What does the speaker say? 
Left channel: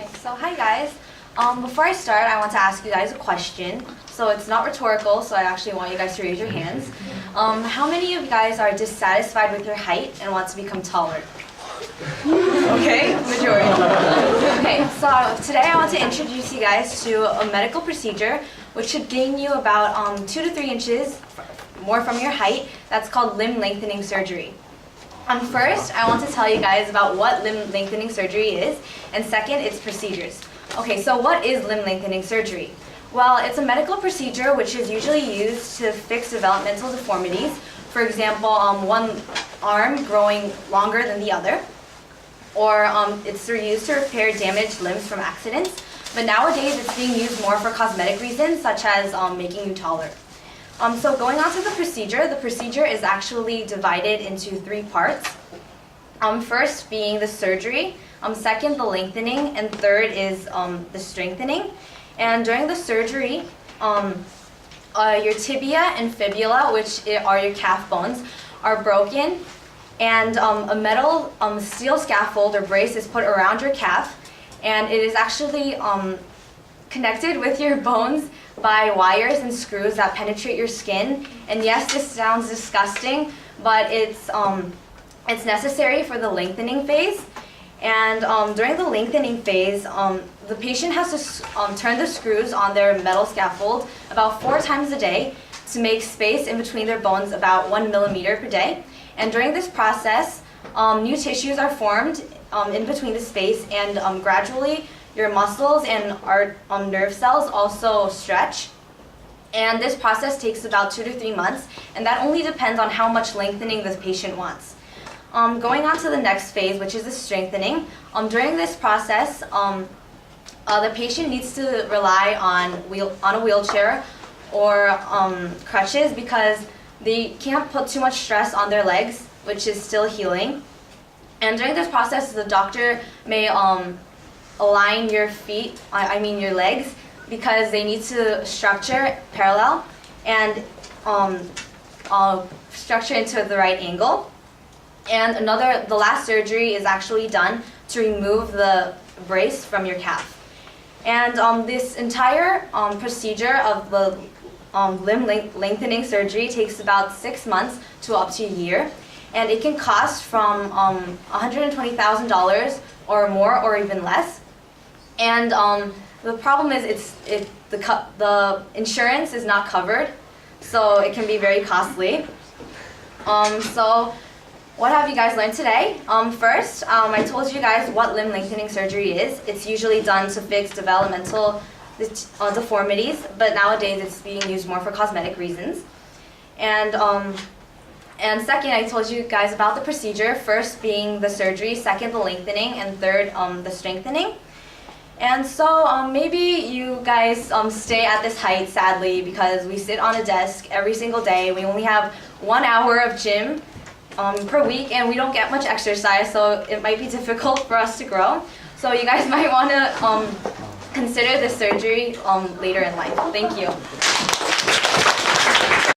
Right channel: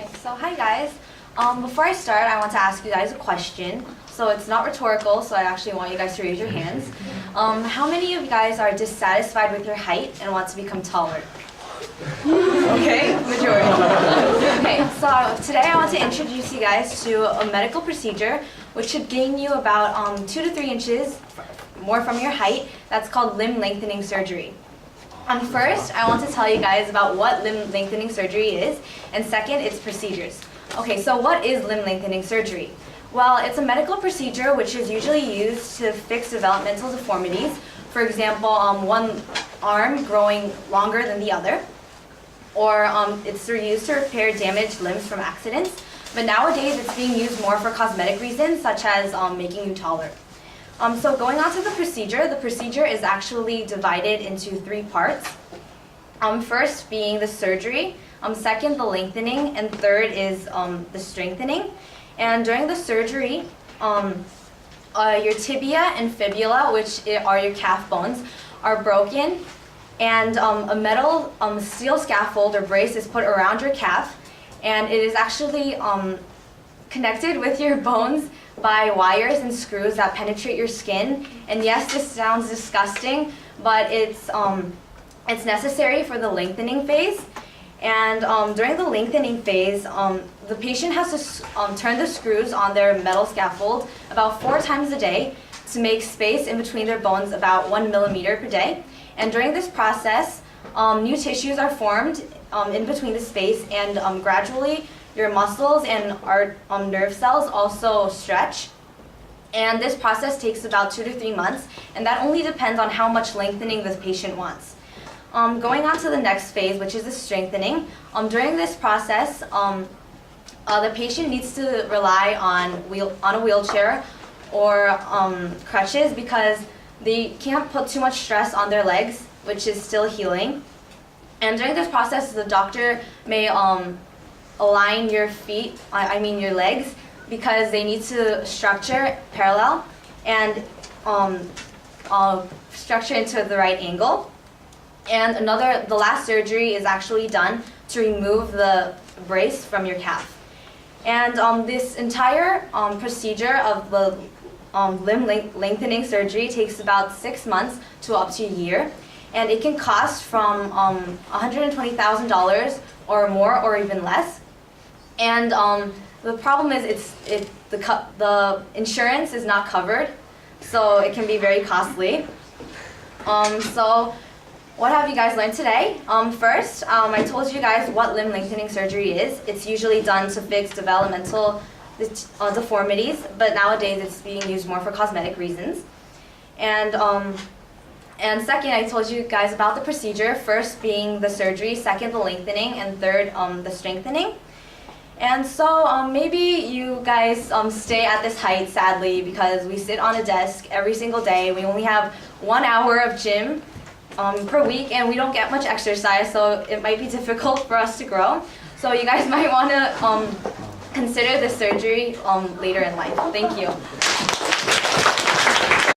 Okay, so hi guys. Before I start, I want to ask you guys a question. So it's not rhetorical, so I actually want you guys to raise your hands. How many of you guys are dissatisfied with your height and want to become taller? Okay, majority. Okay, so today I want to introduce you guys to a medical procedure which should gain you about 2 to 3 inches more from your height. That's called limb lengthening surgery. First, I want to tell you guys about what limb lengthening surgery is, and second, its procedures. Okay, so what is limb lengthening surgery? Well, it's a medical procedure which is usually used to fix developmental deformities. For example, one arm growing longer than the other, or it's used to repair damaged limbs from accidents. But nowadays, it's being used more for cosmetic reasons, such as making you taller. So going on to the procedure is actually divided into 3 parts. First being the surgery, second the lengthening, and third is the strengthening. And during the surgery, your tibia and fibula, which are your calf bones, are broken, and a metal steel scaffold or brace is put around your calf, and it is actually connected with your bones by wires and screws that penetrate your skin. And yes, this sounds disgusting, but it's necessary for the lengthening phase. And during the lengthening phase, the patient has to turn the screws on their metal scaffold about 4 times a day to make space in between their bones about 1 millimeter per day. And during this process, new tissues are formed in between the space, and gradually your muscles and our nerve cells also stretch. And this process takes about 2 to 3 months, and that only depends on how much lengthening the patient wants. Going on to the next phase, which is the strengthening. During this process, the patient needs to rely on a wheelchair or crutches, because they can't put too much stress on their legs, which is still healing. And during this process, the doctor may align your feet, your legs, because they need to structure parallel and structure into the right angle. And the last surgery is actually done to remove the brace from your calf. And this entire procedure of the limb lengthening surgery takes about 6 months to up to a year. And it can cost from $120,000 or more, or even less. And the problem is the insurance is not covered, so it can be very costly. So what have you guys learned today? First, I told you guys what limb lengthening surgery is. It's usually done to fix developmental deformities, but nowadays it's being used more for cosmetic reasons. And second, I told you guys about the procedure, first being the surgery, second the lengthening, and third the strengthening. And so maybe you guys stay at this height, sadly, because we sit on a desk every single day. We only have 1 hour of gym per week, and we don't get much exercise, so it might be difficult for us to grow. So you guys might want to consider this surgery later in life. Thank you.